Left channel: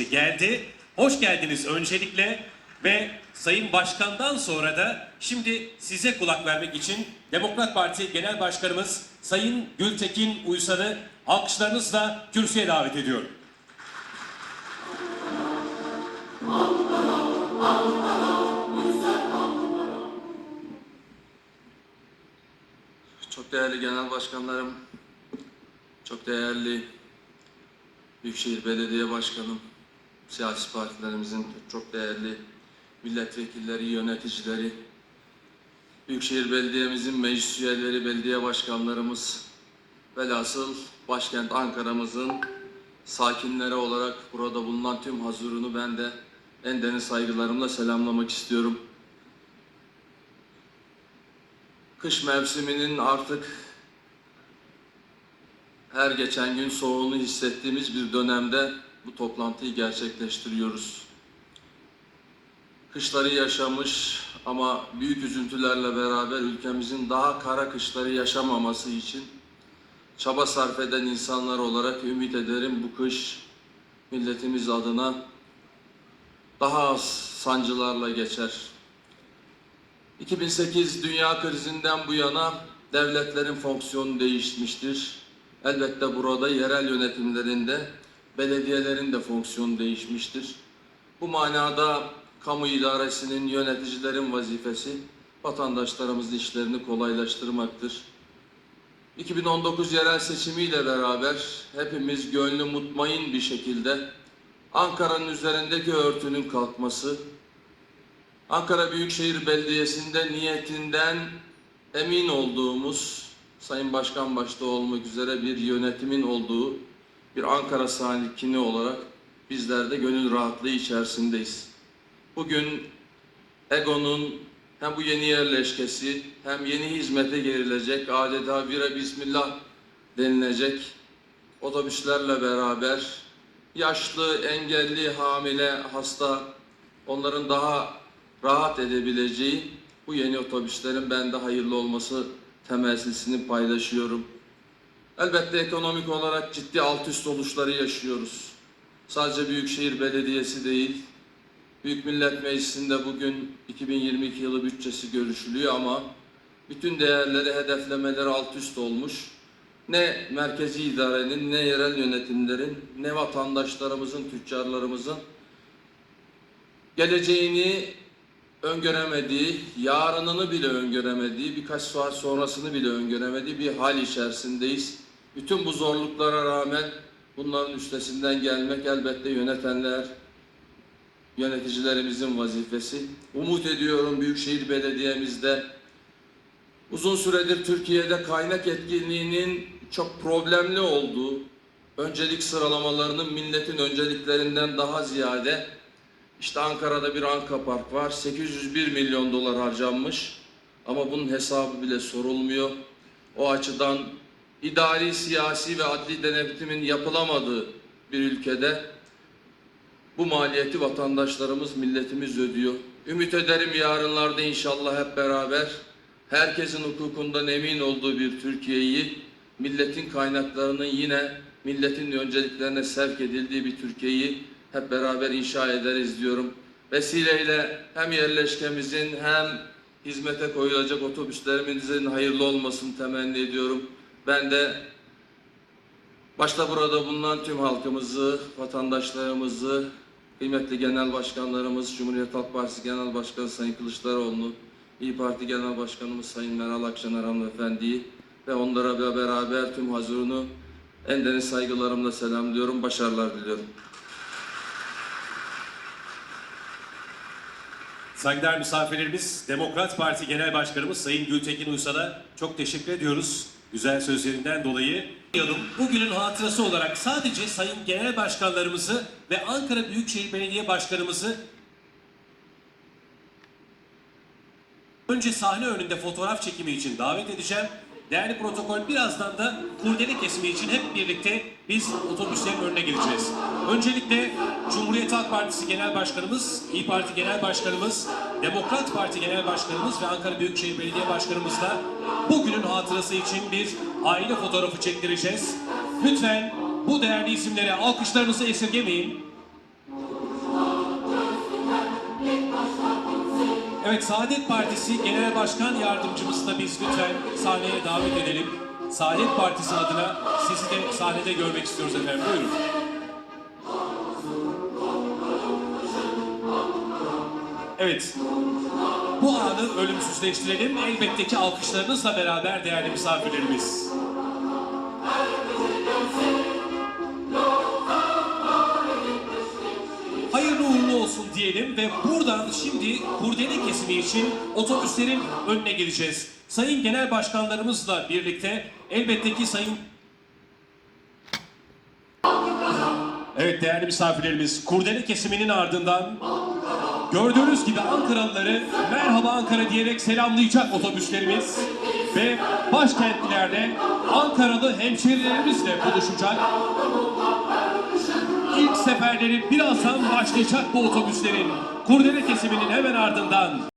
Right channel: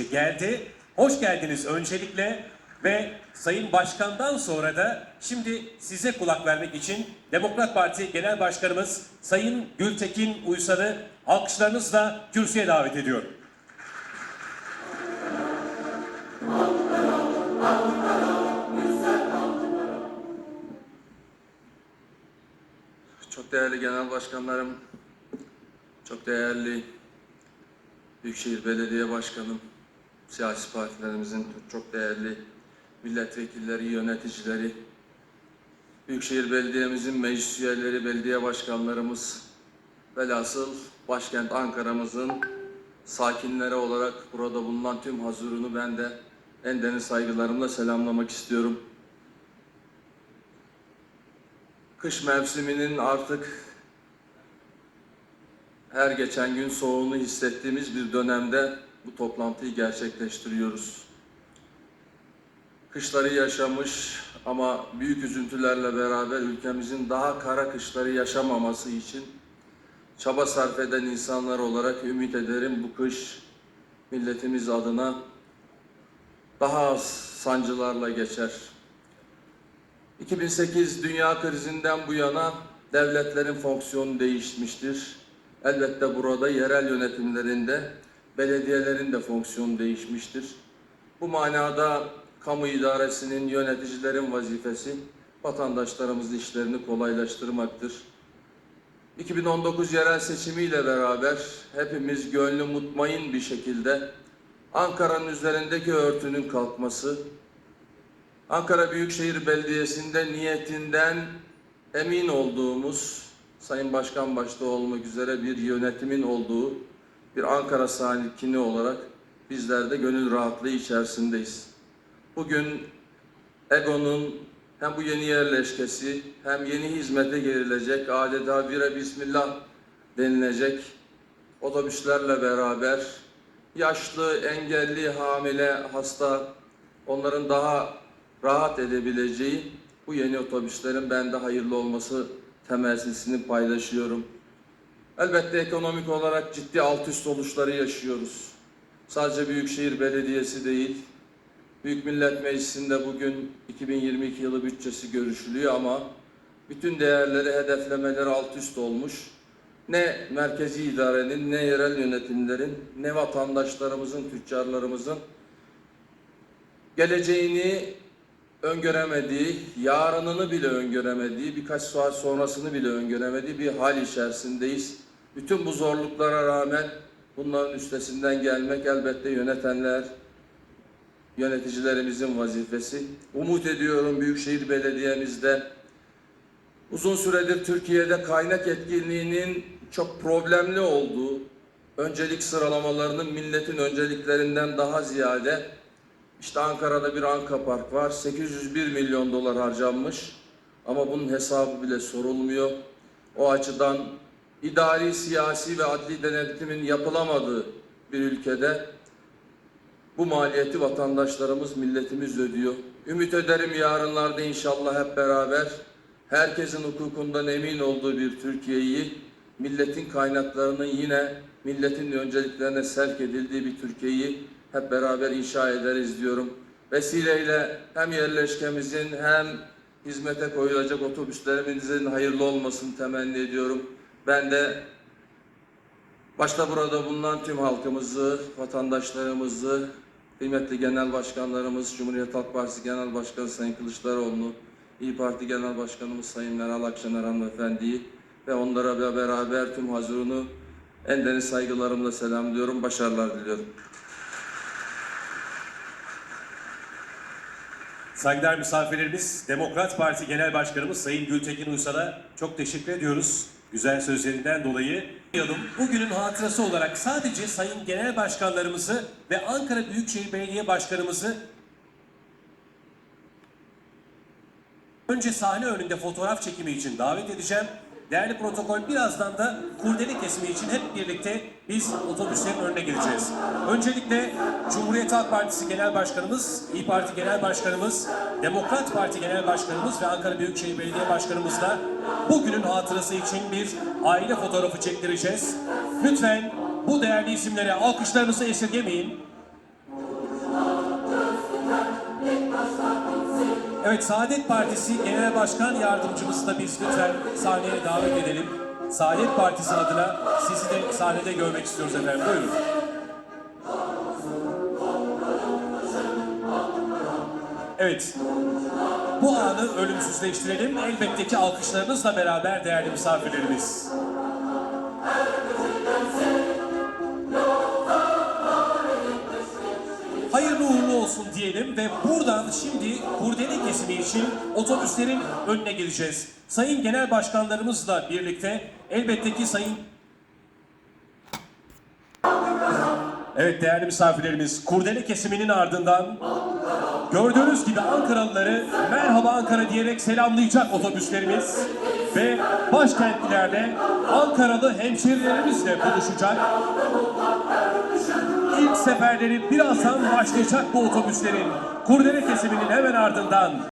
geldi. Hoş geldiniz öncelikle ve Sayın Başkan'dan sonra da şimdi size kulak vermek için Demokrat Parti Genel Başkanımız Sayın Gültekin Uysal'ı alkışlarınızla kürsüye davet ediyorum. Çok değerli genel başkanlarım, çok değerli Büyükşehir Belediye Başkanım, siyasi partilerimizin çok değerli milletvekilleri, yöneticileri, Büyükşehir Belediye'mizin meclis üyeleri, belediye başkanlarımız, velhasıl başkent Ankara'mızın sakinleri olarak burada bulunan tüm hazırını ben de en derin saygılarımla selamlamak istiyorum. Kış mevsiminin artık her geçen gün soğuğunu hissettiğimiz bir dönemde bu toplantıyı gerçekleştiriyoruz. Kışları yaşamış ama büyük üzüntülerle beraber ülkemizin daha kara kışları yaşamaması için çaba sarf eden insanlar olarak ümit ederim bu kış milletimiz adına daha az sancılarla geçer. 2008 dünya krizinden bu yana devletlerin fonksiyonu değişmiştir. Elbette burada yerel yönetimlerinde belediyelerin de fonksiyonu değişmiştir. Bu manada kamu idaresinin yöneticilerin vazifesi vatandaşlarımızın işlerini kolaylaştırmaktır. 2019 yerel seçimiyle beraber hepimiz gönlü mutmain bir şekilde Ankara'nın üzerindeki örtünün kalkması, Ankara Büyükşehir Belediyesi'nde niyetinden emin olduğumuz, Sayın Başkan başta olmak üzere bir yönetimin olduğu bir Ankara sakini olarak bizler de gönül rahatlığı içerisindeyiz. Bugün EGO'nun hem bu yeni yerleşkesi hem yeni hizmete girilecek adeta bire bismillah denilecek otobüslerle beraber yaşlı, engelli, hamile, hasta onların daha rahat edebileceği bu yeni otobüslerin bende hayırlı olması temennisini paylaşıyorum. Elbette ekonomik olarak ciddi alt üst oluşları yaşıyoruz. Sadece Büyükşehir Belediyesi değil, Büyük Millet Meclisi'nde bugün 2022 yılı bütçesi görüşülüyor ama bütün değerleri, hedeflemeleri alt üst olmuş. Ne merkezi idarenin, ne yerel yönetimlerin, ne vatandaşlarımızın, tüccarlarımızın geleceğini öngöremediği, yarınını bile öngöremediği, birkaç saat sonrasını bile öngöremediği bir hal içerisindeyiz. Bütün bu zorluklara rağmen bunların üstesinden gelmek elbette yönetenler, yöneticilerimizin vazifesi. Umut ediyorum Büyükşehir Belediye'mizde uzun süredir Türkiye'de kaynak etkinliğinin çok problemli olduğu, öncelik sıralamalarının milletin önceliklerinden daha ziyade işte Ankara'da bir Anka Park var. 801 milyon dolar harcanmış. Ama bunun hesabı bile sorulmuyor. O açıdan idari, siyasi ve adli denetimin yapılamadığı bir ülkede bu maliyeti vatandaşlarımız, milletimiz ödüyor. Ümit ederim yarınlarda inşallah hep beraber herkesin hukukundan emin olduğu bir Türkiye'yi, milletin kaynaklarının yine milletin önceliklerine sevk edildiği bir Türkiye'yi hep beraber inşa ederiz diyorum. Vesileyle hem yerleşkemizin hem hizmete koyulacak otobüslerimizin hayırlı olmasını temenni ediyorum. Ben de başta burada bulunan tüm halkımızı, vatandaşlarımızı, kıymetli genel başkanlarımız, Cumhuriyet Halk Partisi Genel Başkanı Sayın Kılıçdaroğlu, İyi Parti Genel Başkanımız Sayın Meral Akşener Hanımefendi'yi ve onlara beraber tüm hazırını en derin saygılarımla selamlıyorum, başarılar diliyorum. Saygıdeğer misafirlerimiz, Demokrat Parti Genel Başkanımız Sayın Gültekin Uysal'a çok teşekkür ediyoruz. Güzel sözlerinden dolayı. Bugünün hatırası olarak sadece Sayın Genel Başkanlarımızı ve Ankara Büyükşehir Belediye Başkanımızı önce sahne önünde fotoğraf çekimi için davet edeceğim. Değerli protokol birazdan da kurdele kesimi için hep birlikte biz otobüslerin önüne geleceğiz. Öncelikle Cumhuriyet Halk Partisi Genel Başkanımız, İyi Parti Genel Başkanımız, Demokrat Parti Genel Başkanımız ve Ankara Büyükşehir Belediye Başkanımızla bugünün hatırası için bir aile fotoğrafı çektireceğiz. Lütfen bu değerli isimlere alkışlarınızı esirgemeyin. Evet Saadet Partisi Genel Başkan Yardımcımızı da biz lütfen sahneye davet edelim. Saadet Partisi adına sizi de sahnede görmek istiyoruz efendim. Buyurun. Evet. Bu anı ölümsüzleştirelim. Elbette ki alkışlarınızla beraber değerli misafirlerimiz. Olsun diyelim ve buradan şimdi kurdele kesimi için otobüslerin önüne geleceğiz. Sayın Genel Başkanlarımızla birlikte elbette ki Sayın Evet değerli misafirlerimiz kurdele kesiminin ardından gördüğünüz gibi Ankaralıları merhaba Ankara diyerek selamlayacak otobüslerimiz ve başkentlerde Ankaralı hemşerilerimizle buluşacak. İlk seferleri birazdan başlayacak bu otobüslerin kurdele kesiminin hemen ardından